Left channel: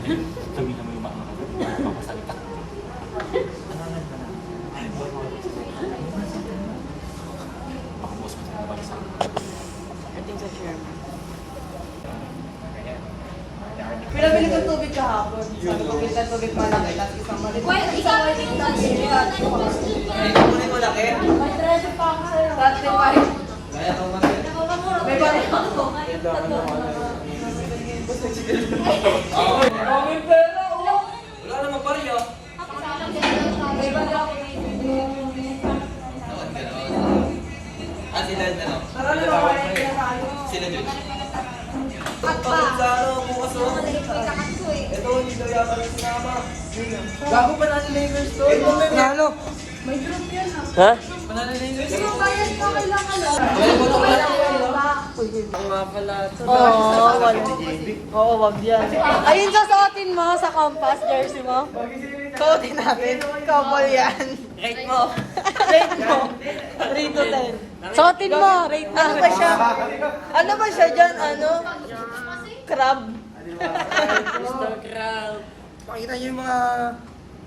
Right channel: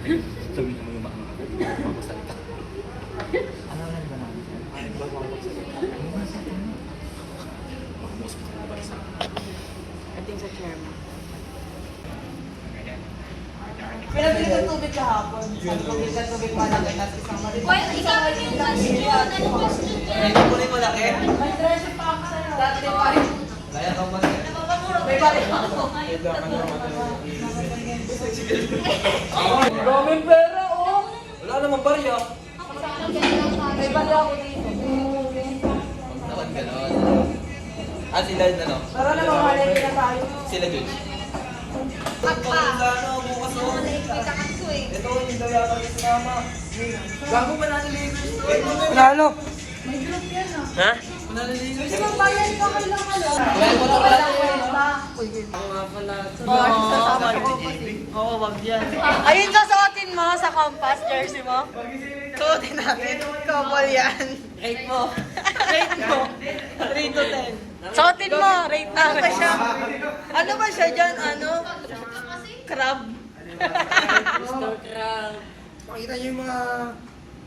Sabi naman yung mga papasalita. Ating sa chairman. Pinabili kong tubig kahapon. Sabi ko, bilhin ng tubig malaki. Tapos isang maliit. Isang maliit lang siya. Dito mo rin malaki. May 13 pa ako sa'yo. 35. Kaya kang malaki. May balik ako. Daming pera, oh! Wala namang barya. May balik ako dito. Ah, sila yun na. Tara na mga rin pinasali. Sila dun. Bakit sa ano, bukas na ako. Ito, hindi daw yata yung sinama. Gago pa Lakers to. Ito na ano? May group yan ah. Ha? Panalo Lakers. Isang bayan ka kailangan lang. Ang nga pala ito. Oo, wag yan. Ayun susuotin mo sa compass jersey mo. Suotin natin. Couple yan. Rate mo. Rate mo. 3 to 10. Suotin mo, rate na. Ano ba siya dyan? Ano? Crab. Mr. Crab. Pakita niyo yung mga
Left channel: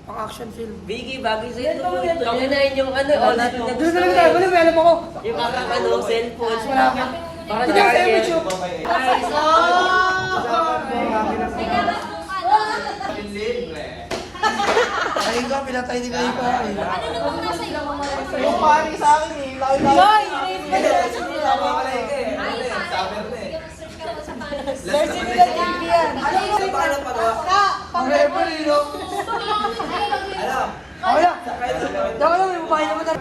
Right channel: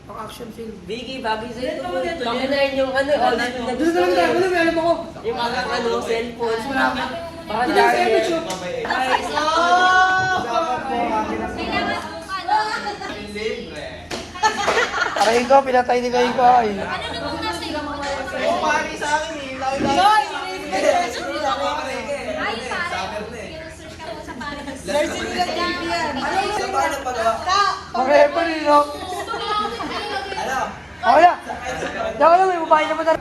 pang-action film. Biggie, bagay sa'yo ito po. Pangunahin yung ano, all na Doon na lang tayo. Wala, may alam ako. yung parang ano, cellphone. Baka Hindi lang sa'yo, charger. Mitchell. Ay, ikaw, pinatay ni kayo pa. Yung pari sa akin eh. Hoy, rate mo jersey nila. Jersey nila TV yan. Sa paano pa daw? Ang referee, no? Ano? Okay na. Daw na, may babae naman na.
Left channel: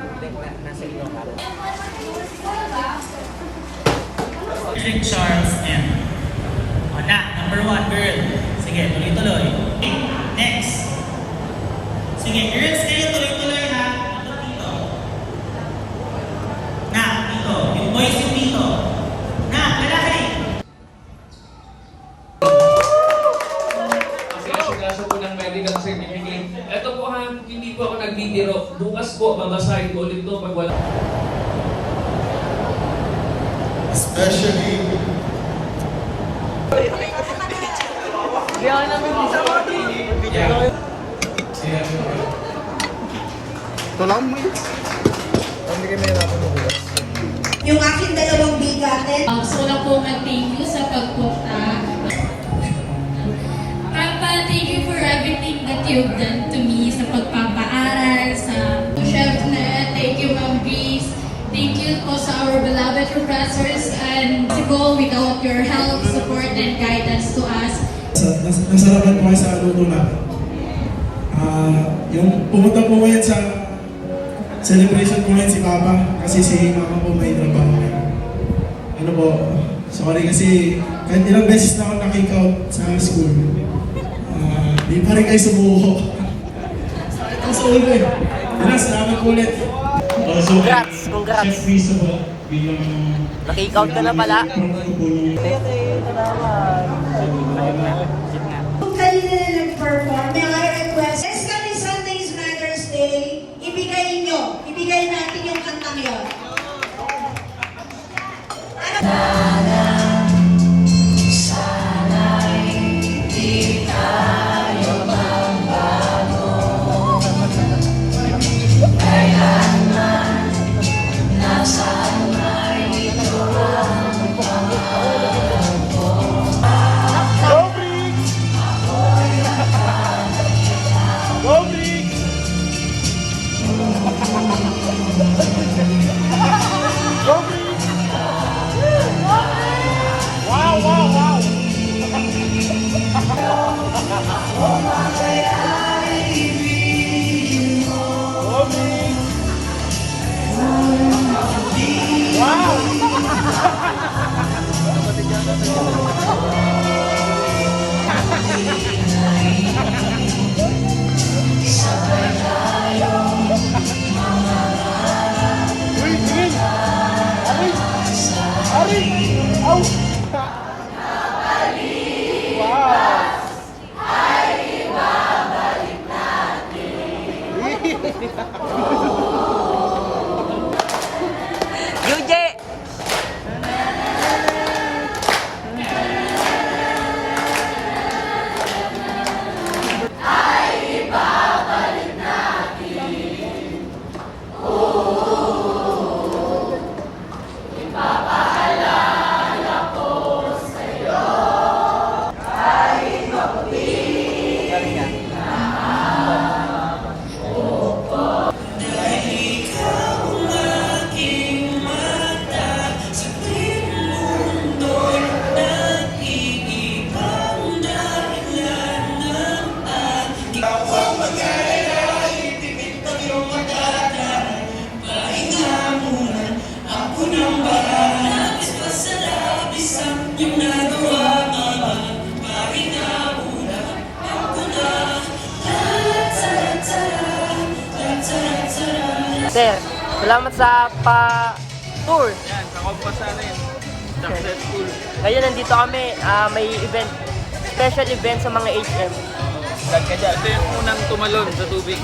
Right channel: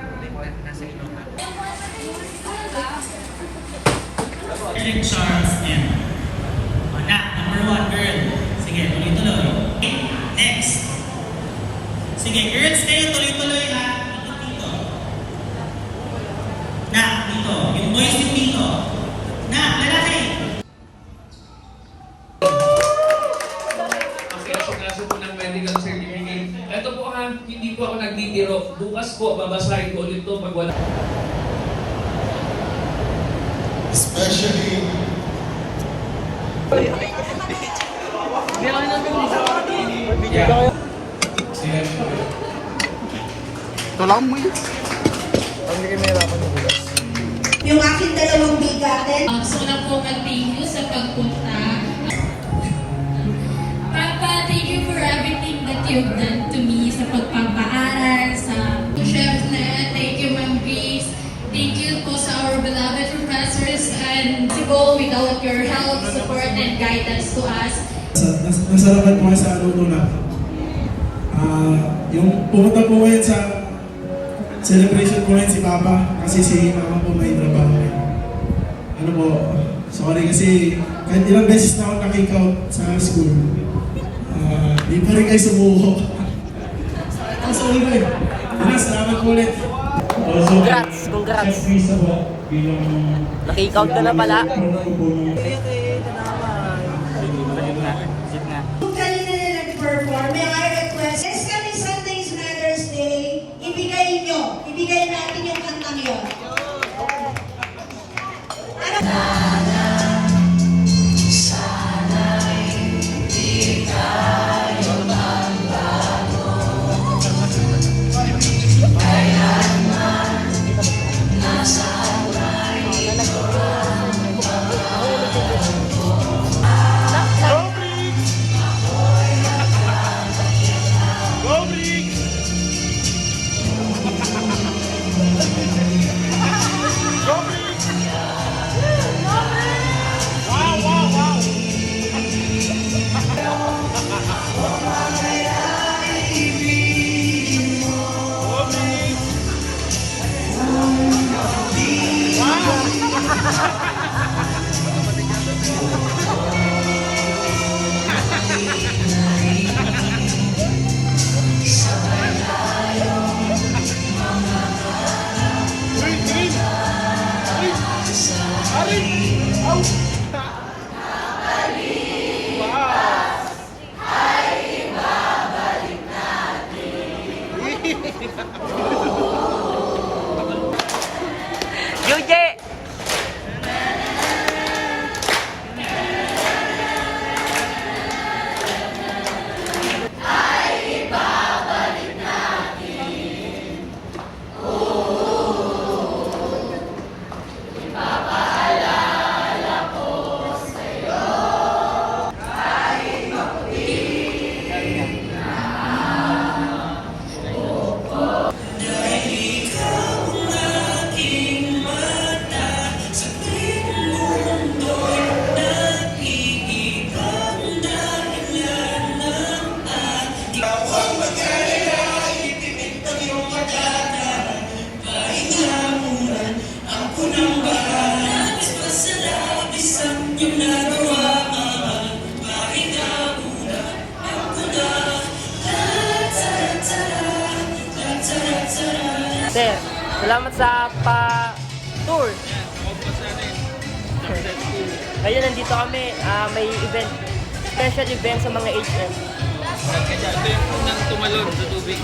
Eric Charles M. O na, number 1, girl. Sige, tuloy-tuloy. Okay, next. Sige, girls kayo, tuloy-tuloy ha. Ikot dito. Na, dito. Yung boys yung dito. Na, lalaki. Kaso po ng medical certificate. Ito po hindi po ako nagdidiro. Bukas po, babasahin ko ulit ito pag wala. Especially Tulang mo yun. Hindi kayo mahirapan ng bukas. Yung aking dalawang bigatin. Gusto ko lang po mag-thank you sa pagpunta. Papa, thank you for everything that you've done to me sa pagpapaaral, sa Chef Net, thank you Ma'am Grace, thank you po sa our beloved professors and to go without your help, support, and guidance to us. nasarapan po kayo sa luto na. Yung pumunta po ngayon sa celebration po ngayon si Papa kasi si Mama po may trabaho. Ano po, sorry kasi kahit ilang beses na ako nakikout sa school. Di pa rin kayo sumuko. Ang sorry ko eh. Salamat po ulit. Congrats, congrats. Chef Risa po, bilang Nakikout ka na pala. Kung kanina na nag-perform, may I request, next coming Sunday's Mother's Day, ibigay natin yung kantang yun. Sir, salamat sa pa-tour. Yan, sa Compas namin. Successful. Ngayon nandito kami, may event, special event sa mga HM. Ito yung unang tumalon sa tubig.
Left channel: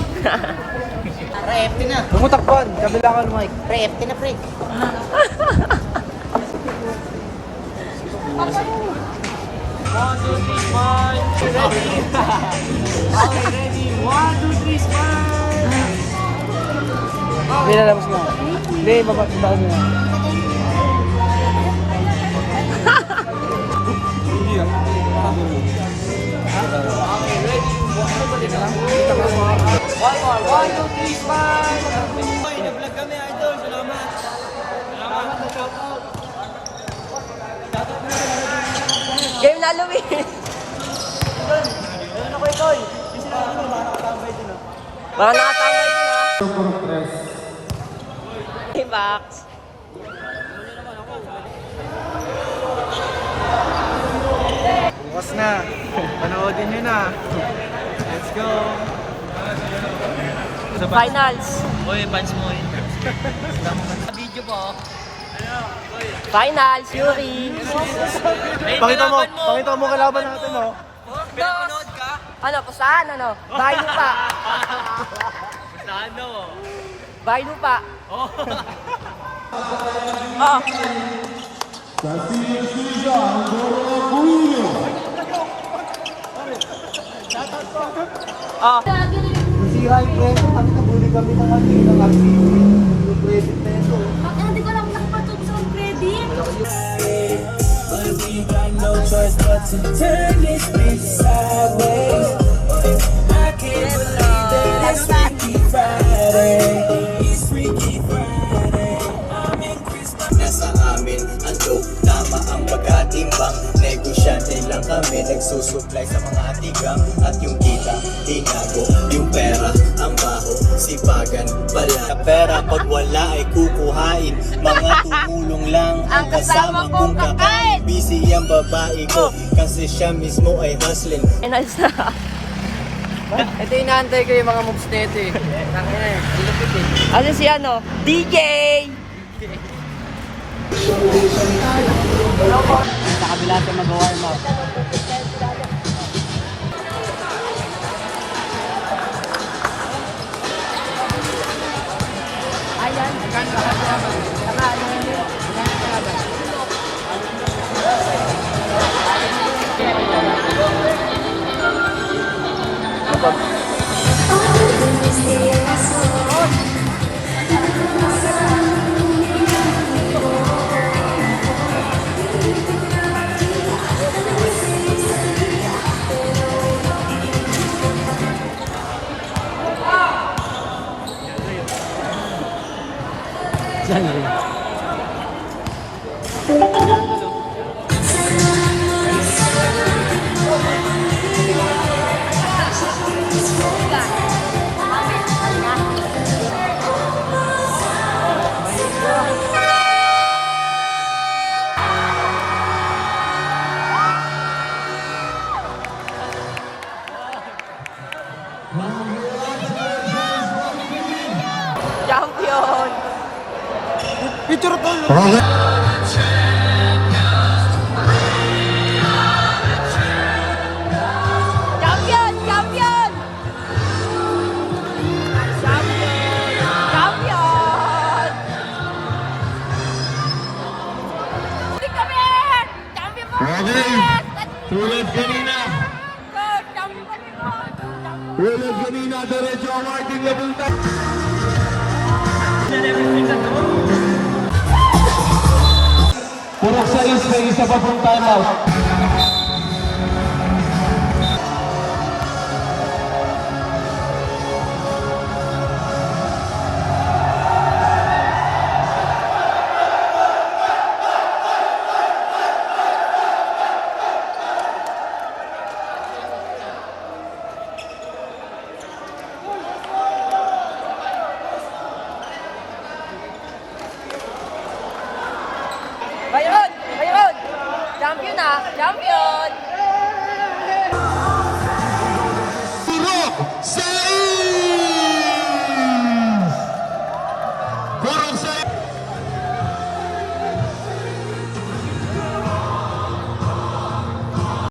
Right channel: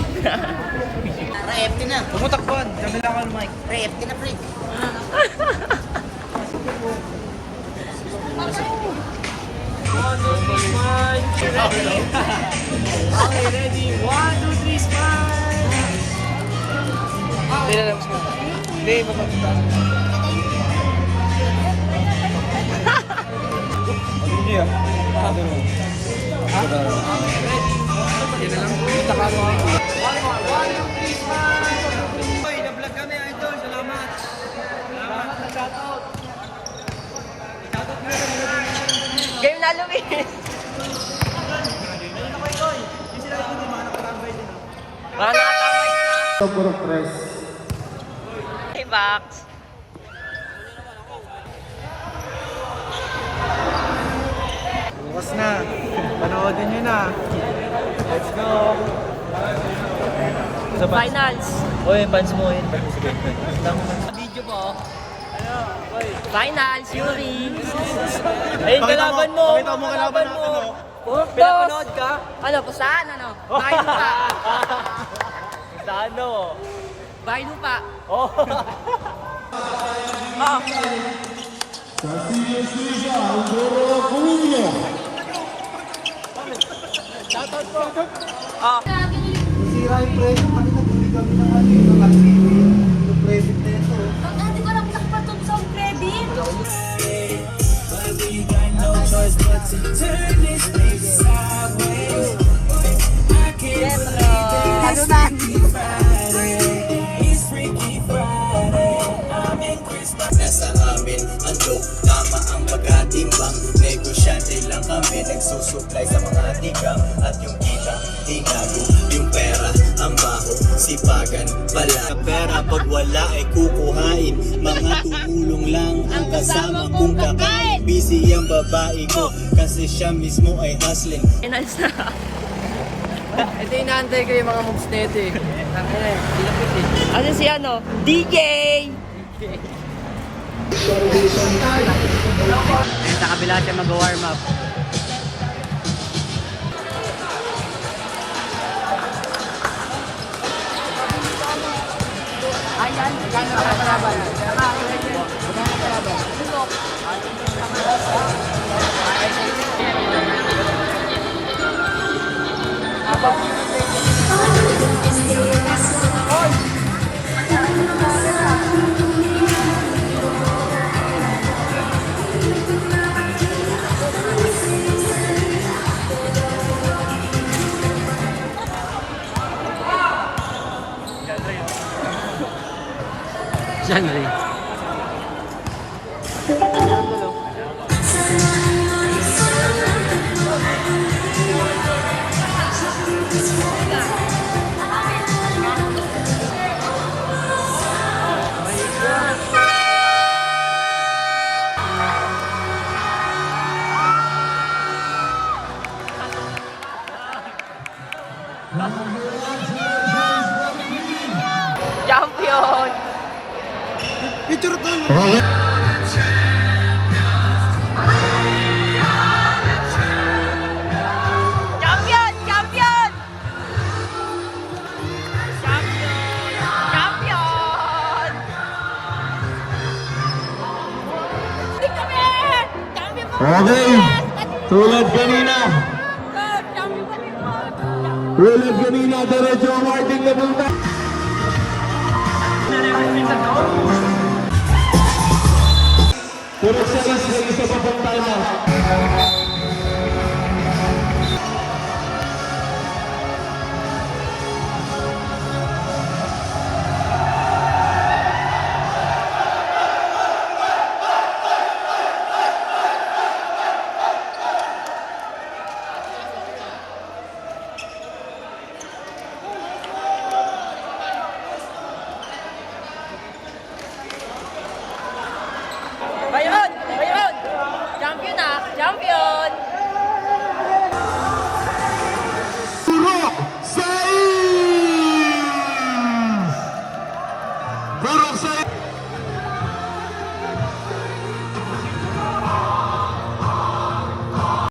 Lumutakpan, kabilangan mic. Pre-FT na pre. Nilalabas na. Hindi, mapapuntahan mo. Hoy, na-vlog kami, idol. Salamat. Game na Luis! Mga nakatambay din ha. Hey, Max. Bukas na. Panoodin nyo na. Let's go. Finals. Uy, fans mo yun. Video po. Finals, Yuri. Pakita mo kalaban natin, oh. Dos. Ano, pustahan, ano? Bahay lupa. Ano? Bahay lupa. Oh. Oh. Oh. Si High Press, kami nabuli kami ng ano yung activity. Yung credit na ito. Hindi ko lang nakapatog sa credit. Nasa amin ang dope, tama ang pagkatimbang. Negosyante lang kami, nagsusupply sa mga tigang. At yung kita, tinago, yung pera, ang baho, sipagan, pala. Pera pag wala ay kukuhain, mga tumulong lang ang kasama kong kakain. Busy ang babae ko, kasi siya mismo ay hustling. Finals na. Ito inaantay ko yung mga moves na ito eh. Tangina eh, dilapit eh. Ano si ano? DJ! Sa kabila natin mag-warm up. Ayan, magkano na palaban? Magkano na palaban? Genre. Champion! Champion! Champion! Champion! Champion! Hindi kami! Champion po! Okay. Tulad kanina. Champion kami po! Tulad kanina, diretso ang ating napunta. Puro sa isa papunta na. Bayron! Bayron! Champion na, champion!